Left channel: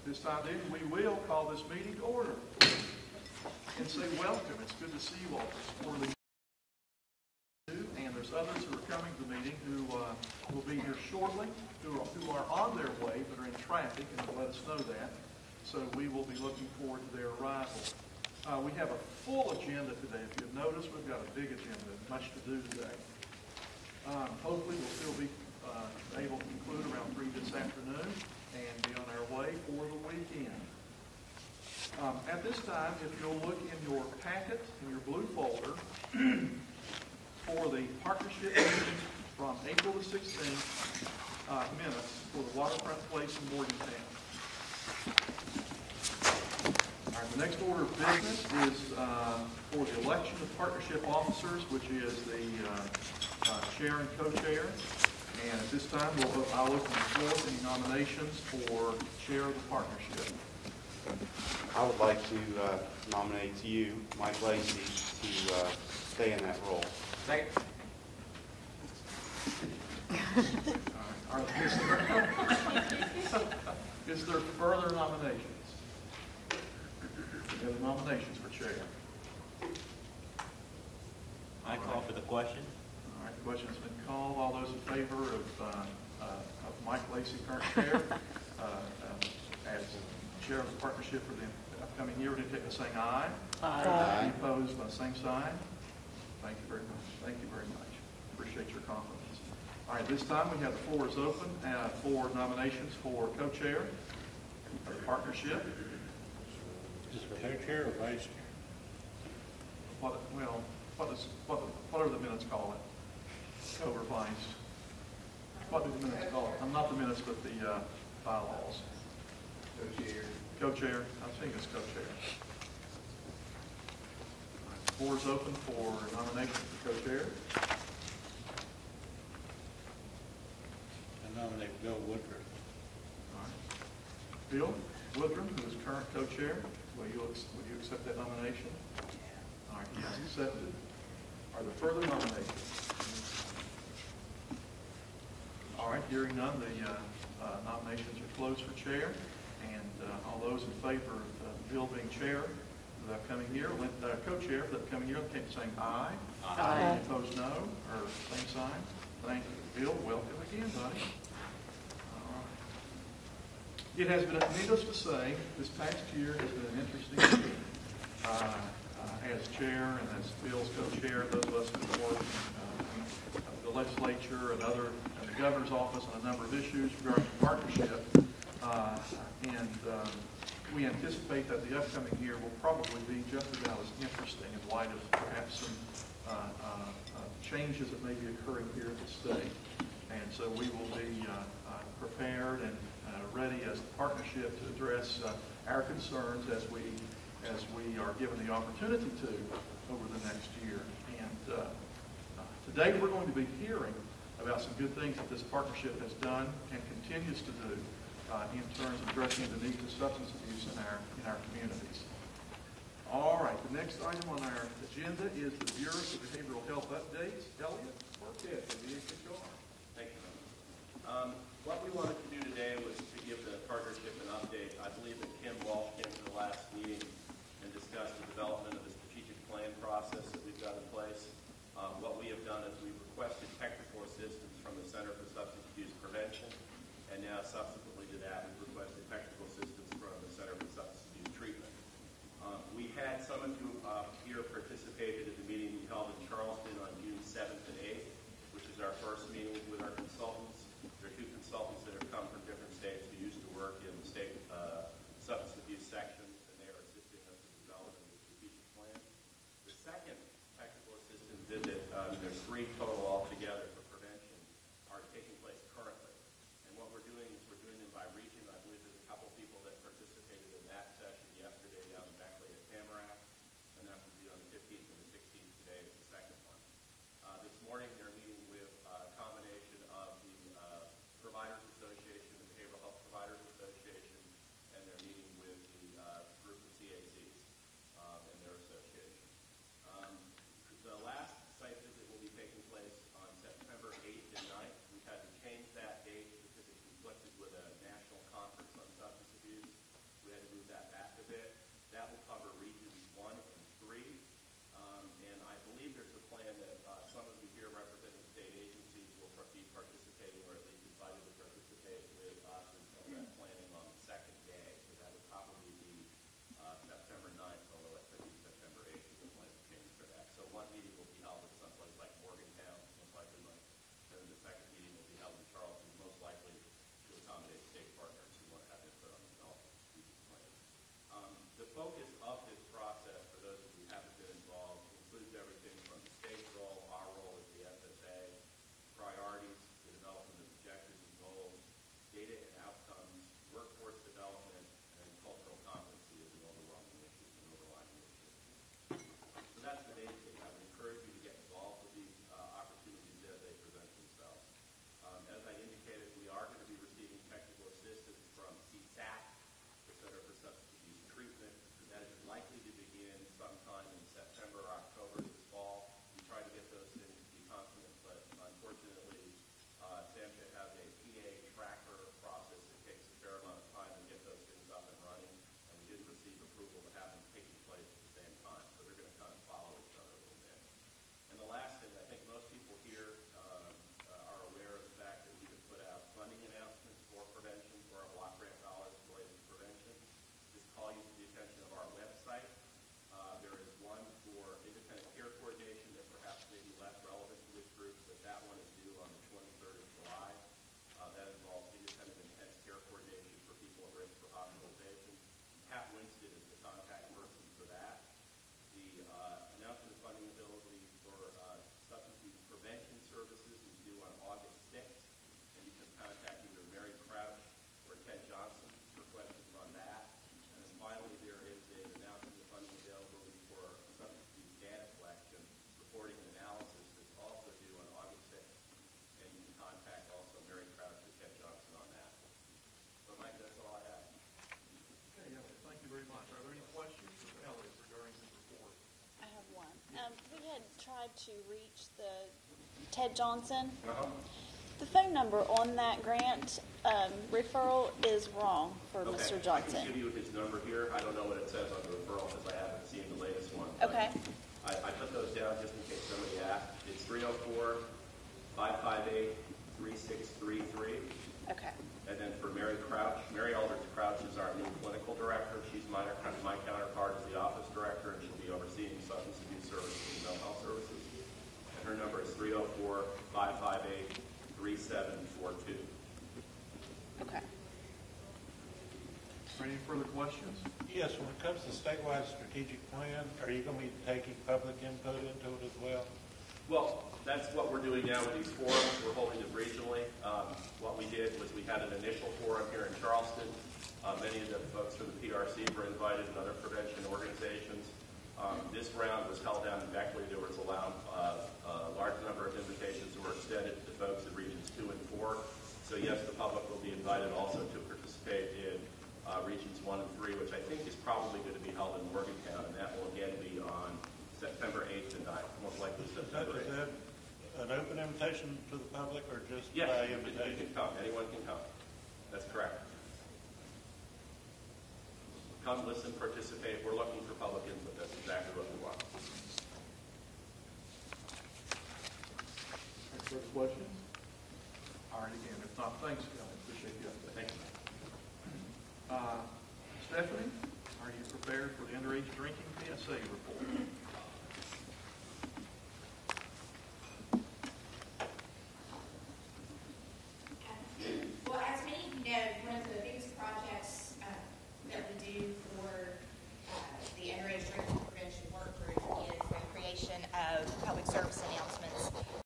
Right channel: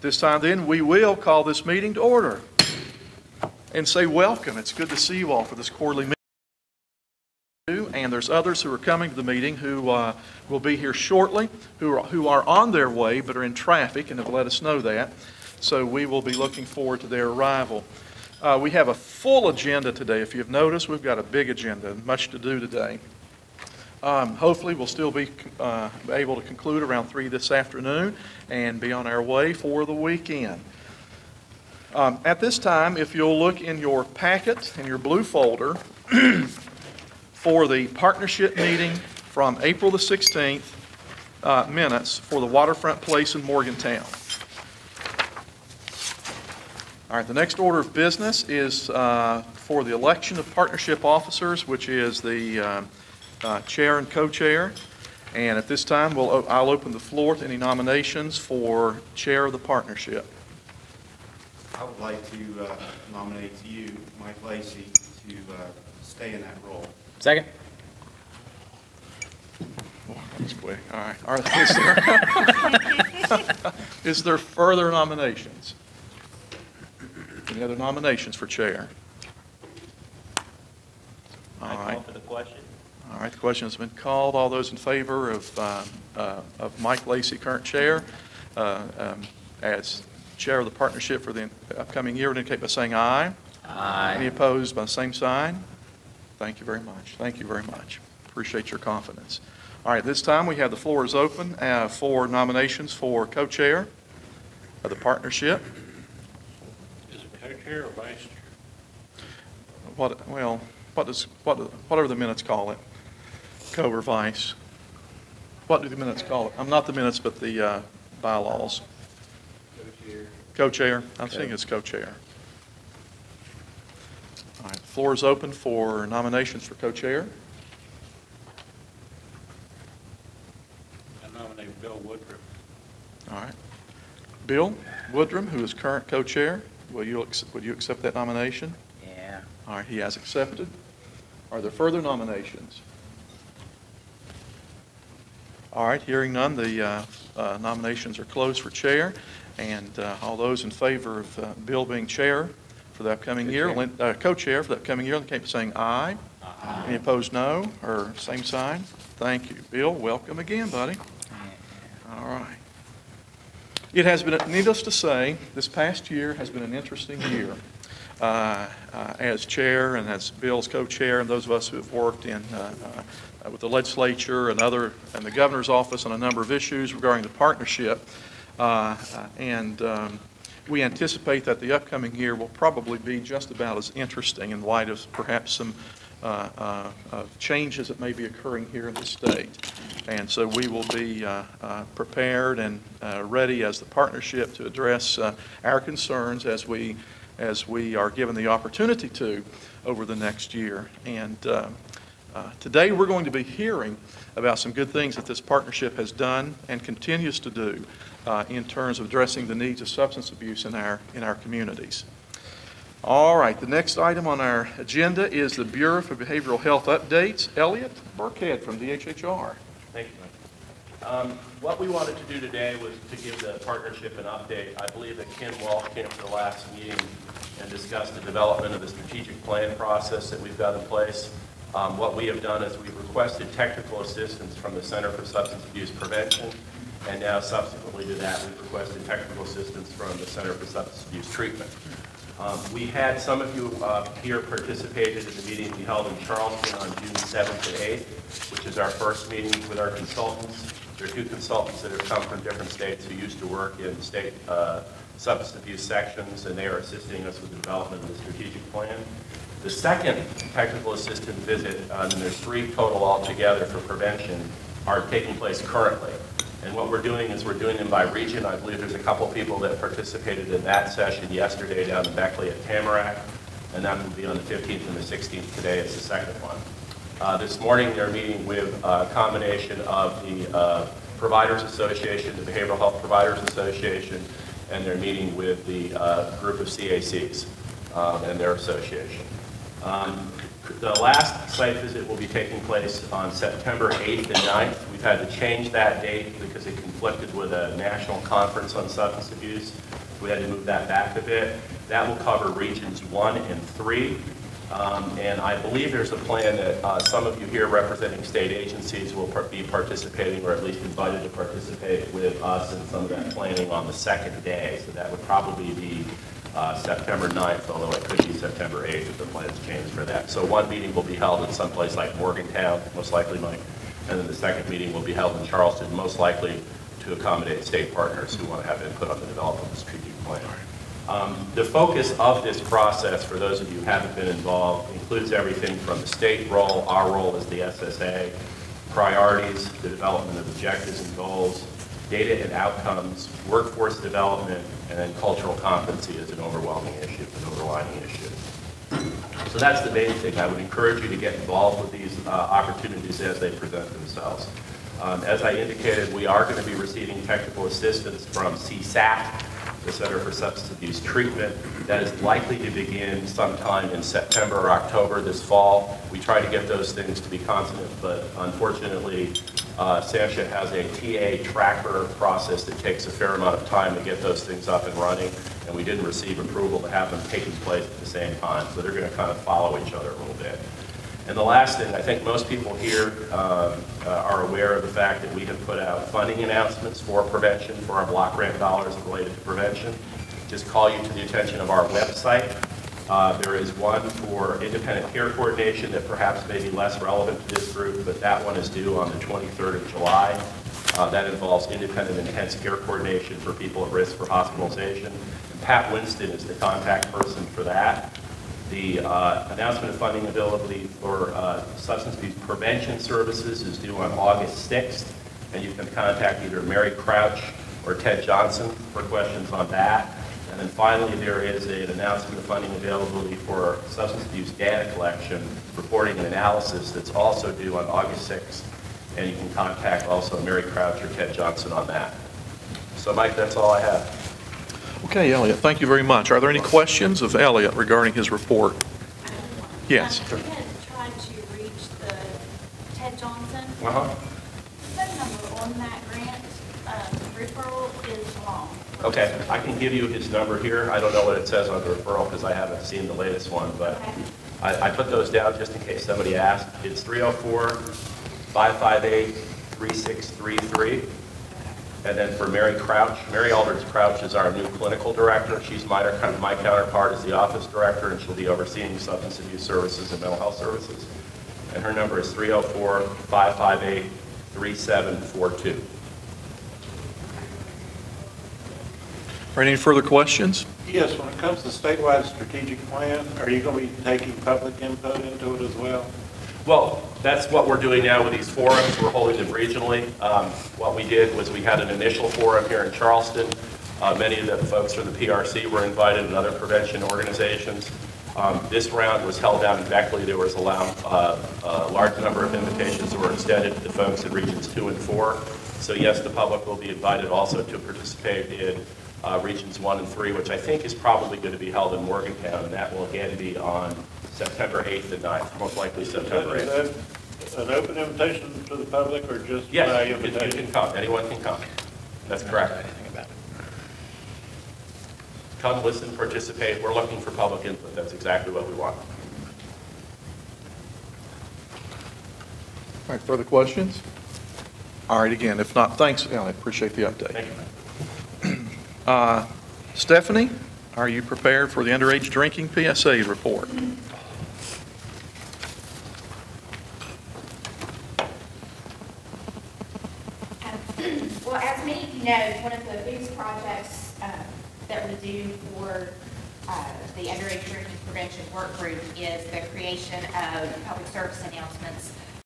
At this time then, we will call this meeting to order and say welcome. It's good to see you all for this quarterly meeting. And there's others who are coming to the meeting who will be here shortly, who are on their way but are in traffic and have let us know that. So we will be looking forward to their arrival. We have a full agenda today. If you've noticed, we've got a big agenda, much to do today. Hopefully we'll still be able to conclude around 3 this afternoon and be on our way for the weekend. At this time, if you'll look in your packet, in your blue folder, for the partnership meeting from April the 16th, minutes for the Waterfront Place in Morgantown. All right, the next order of business is for the election of partnership officers, which is the chair and co-chair. And at this time, I'll open the floor to any nominations for chair of the partnership. I would like to nominate you, Mike Lacey, to stay in that role. Second. That's quick. All right. Is there further nominations? Any other nominations for chair? I call for the question. All right, the question has been called. All those in favor of Mike Lacey, current chair, as chair of the partnership for the upcoming year, indicate by saying aye. Aye. Any opposed by the same sign? Thank you very much. Thank you very much. Appreciate your confidence. All right, this time we have the floor is open for nominations for co-chair of the partnership. Is it co-chair or vice chair? Whatever the minutes call it, co or vice. What do the minutes call it? I'm not the minutes, but the bylaws. Co-chair. Co-chair. I'm thinking it's co-chair. All right, the floor is open for nominations for co-chair. I nominate Bill Woodruff. All right. Bill Woodrum, who is current co-chair, would you accept that nomination? Yeah. All right, he has accepted. Are there further nominations? All right, hearing none, the nominations are closed for chair. And all those in favor of Bill being chair for the upcoming year, co-chair for the upcoming year, indicate by saying aye. Aye. Any opposed, no, or same sign? Thank you. Bill, welcome again, buddy. All right. It has been, needless to say, this past year has been an interesting year. As chair and as Bill's co-chair, and those of us who have worked in with the legislature and the governor's office on a number of issues regarding the partnership, we anticipate that the upcoming year will probably be just about as interesting in light of perhaps some changes that may be occurring here in the state. And so we will be prepared and ready as the partnership to address our concerns as we are given the opportunity to over the next year. And today we're going to be hearing about some good things that this partnership has done and continues to do in terms of addressing the needs of substance abuse in our communities. All right, the next item on our agenda is the Bureau for Behavioral Health updates. Elliot Burkhead from DHHR. Thank you. What we wanted to do today was to give the partnership an update. I believe that Ken Walsh came to the last meeting and discussed the development of the strategic plan process that we've got in place. What we have done is we've requested technical assistance from the Center for Substance Abuse Prevention, and now subsequently to that we've requested technical assistance from the Center for Substance Abuse Treatment. We had some of you here participated in the meeting we held in Charleston on June 7th and 8th, which is our first meeting with our consultants. There are 2 consultants that have come from different states who used to work in state substance abuse sections, and they are assisting us with the development of the strategic plan. The second technical assistance visit, and there's 3 total altogether for prevention, are taking place currently. And what we're doing is we're doing them by region. I believe there's a couple people that participated in that session yesterday down in Beckley at Tamarack, and that will be on the 15th and the 16th. Today is the second one. This morning they're meeting with a combination of the Providers Association, the Behavioral Health Providers Association, and they're meeting with the group of CACs and their association. The last site visit will be taking place on September 8th and 9th. We've had to change that date because it conflicted with a national conference on substance abuse. We had to move that back a bit. That will cover regions 1 and 3. And I believe there's a plan that some of you here representing state agencies will be participating, or at least invited to participate with us in some of that planning on the second day. So that would probably be September 9th, although it could be September 8th if the plans change for that. So one meeting will be held in some place like Morgantown, most likely, Mike, and then the second meeting will be held in Charleston, most likely to accommodate state partners who want to have input on the development of the strategic plan. The focus of this process, for those of you who haven't been involved, includes everything from the state role, our role as the SSA, priorities, the development of objectives and goals, data and outcomes, workforce development, and then cultural competency as an overwhelming issue, an overlining issue. So that's the main thing. I would encourage you to get involved with these opportunities as they present themselves. As I indicated, we are going to be receiving technical assistance from CSAT, the Center for Substance Abuse Treatment. That is likely to begin sometime in September or October this fall. We try to get those things to be consonant, but unfortunately, SAMHSA has a TA tracker process that takes a fair amount of time to get those things up and running, and we didn't receive approval to have them taking place at the same time, so they're going to kind of follow each other a little bit. And the last thing, I think most people here are aware of the fact that we have put out funding announcements for prevention, for our block grant dollars related to prevention. Just call you to the attention of our website. There is one for independent care coordination that perhaps may be less relevant to this group, but that one is due on the 23rd of July. That involves independent intense care coordination for people at risk for hospitalization. And Pat Winston is the contact person for that. The announcement of funding availability for substance abuse prevention services is due on August 6th, and you can contact either Mary Crouch or Ted Johnson for questions on that. And then finally, there is an announcement of funding availability for substance abuse data collection, reporting, and analysis that's also due on August 6th, and you can contact also Mary Crouch or Ted Johnson on that. So, Mike, that's all I have. Okay, Elliot, thank you very much. Are there any questions of Elliot regarding his report? Yes. We had tried to reach the Ted Johnson. Uh-huh. The phone number on that grant referral is wrong. Okay, I can give you his number here. I don't know what it says on the referral because I haven't seen the latest one, but Okay. I put those down just in case somebody asked. It's 304-558-3633. Okay. And then for Mary Crouch, Mary Aldridge Crouch is our new clinical director. She's my counterpart as the office director, and she'll be overseeing substance abuse services and mental health services. And her number is 304-558-3742. Are any further questions? Yes, when it comes to statewide strategic plan, are you going to be taking public input into it as well? Well, that's what we're doing now with these forums. We're holding them regionally. What we did was we had an initial forum here in Charleston. Many of the folks from the PRC were invited and other prevention organizations. This round was held down in Beckley. There was a large number of invitations that were extended to the folks in regions 2 and 4. So yes, the public will be invited also to participate in regions 1 and 3, which I think is probably going to be held in Morgantown, and that will again be on September 8th and 9th, most likely September 8th. Is that an open invitation to the public or just by Yes, you invitation? can come. Anyone can come. That's correct. Come, listen, participate. We're looking for public input. That's exactly what we want. All right, further questions? All right, again, if not, thanks, Elliot. Appreciate the update. Thank you. Stephanie, are you prepared for the underage drinking PSA report? Well, as many of you know, one of the biggest projects that we do for the underage drinking prevention work group is the creation of public service announcements